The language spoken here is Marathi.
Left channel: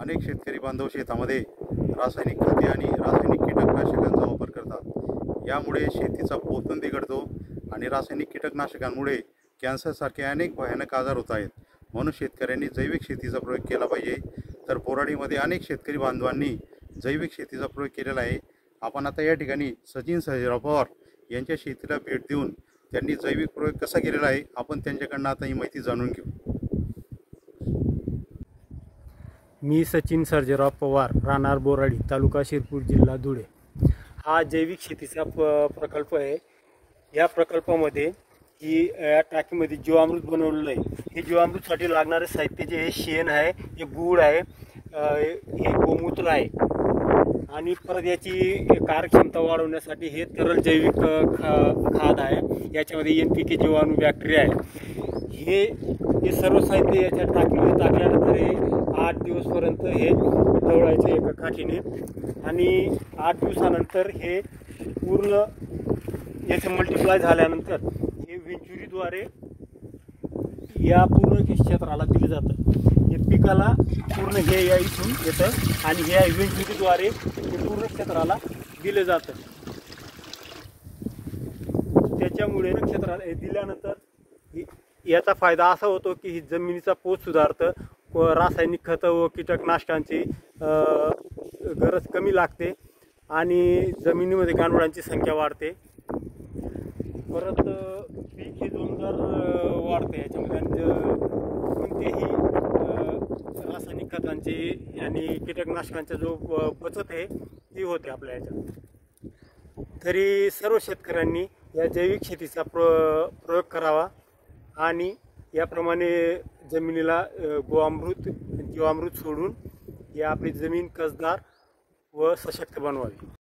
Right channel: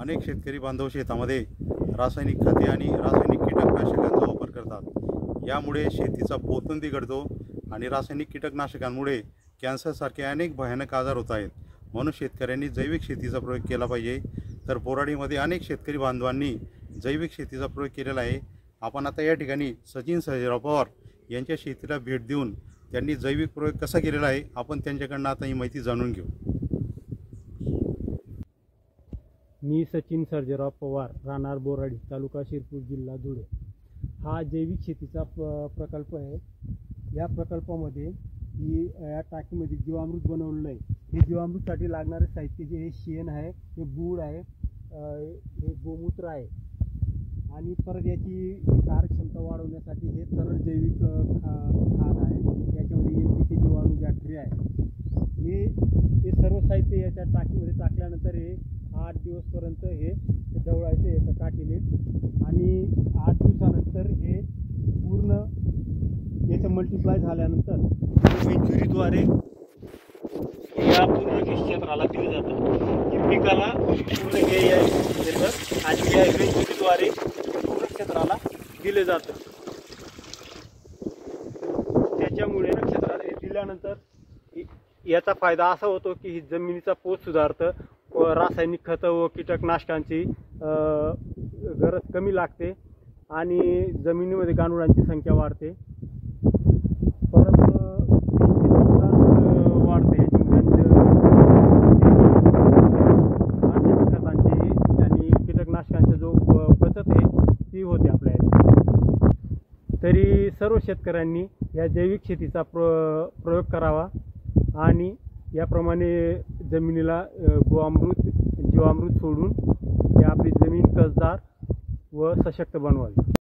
अनेक शेतकरी बांधव शेतामध्ये रासायनिक खते आणि रासायनिक कीटकनाशकांचा वापर करतात। यामुळे शेतीचा पोतही बिघडतो आणि रासायनिक कीटकनाशकांमुळे कॅन्सरसारखे अनेक भयानक आजार होत आहेत। म्हणून शेतकऱ्यांनी जैविक शेतीचा प्रयोग केला पाहिजे। तर बोराडीमध्ये अनेक शेतकरी बांधवांनी जैविक शेतीचा प्रयोग केलेला आहे। आपण आता या ठिकाणी सचिन सर्जेराव पवार यांच्या शेतीला भेट देऊन त्यांनी जैविक प्रयोग कसा केलेला आहे आपण त्यांच्याकडून आता ही माहिती जाणून घेऊ। मी सचिन सर्जेराव पवार, राहणार बोराडी, तालुका शिरपूर, जिल्हा धुळे। हा जैविक शेतीचा प्रकल्प आहे। या प्रकल्पामध्ये ही या टाकीमध्ये जीवामृत बनवलेलं आहे। हे जीवामृतसाठी लागणारे साहित्य जे हे शेण आहे, हे गूळ आहे, हे गोमूत्र आहे आणि परत याची कार्यक्षमता वाढवण्यासाठी हे तरल जैविक खाद आहे। याच्यामध्ये NPK जीवाणू बॅक्टेरिया आहे। हे सर्व साहित्य याच्या टाकीमध्ये टाकल्यानंतर हे 8 दिवसपर्यंत हे ढवळायचे एका काठीने आणि 8 दिवसानंतर हे पूर्ण याचे मल्टिप्लाय झाल्यानंतर विंचुरीद्वारे या पूर्ण क्षेत्राला दिलं जातं। पिकाला पूर्ण हे येतं आणि या विंचुरीद्वारे पूर्ण क्षेत्राला दिले जातं। त्याच्यामुळे क्षेत्राला हे दिल्यानंतर याचा फायदा असा होतो की ही जमिनीचा पोत सुधारतं, रासायनिक खतं व कीटकनाशकांची गरज कमी लागते आणि जमिनीमध्ये गांडुळांची संख्या वाढते। परत पीक हे जोरदार वाढते। याच्यामध्ये कोणतेही रासायनिक खतांची आणि कीटकनाशकांचा जो बचत आहे ती होते आपल्या याच्यात। तरी सर्व शेतकऱ्यांनी या जैविक शेतीचा प्रयोग करावा आणि याप्रमाणे जमिनीला जीवामृत सोडून ही आपली जमीन कसदार व सशक्त बनवावी।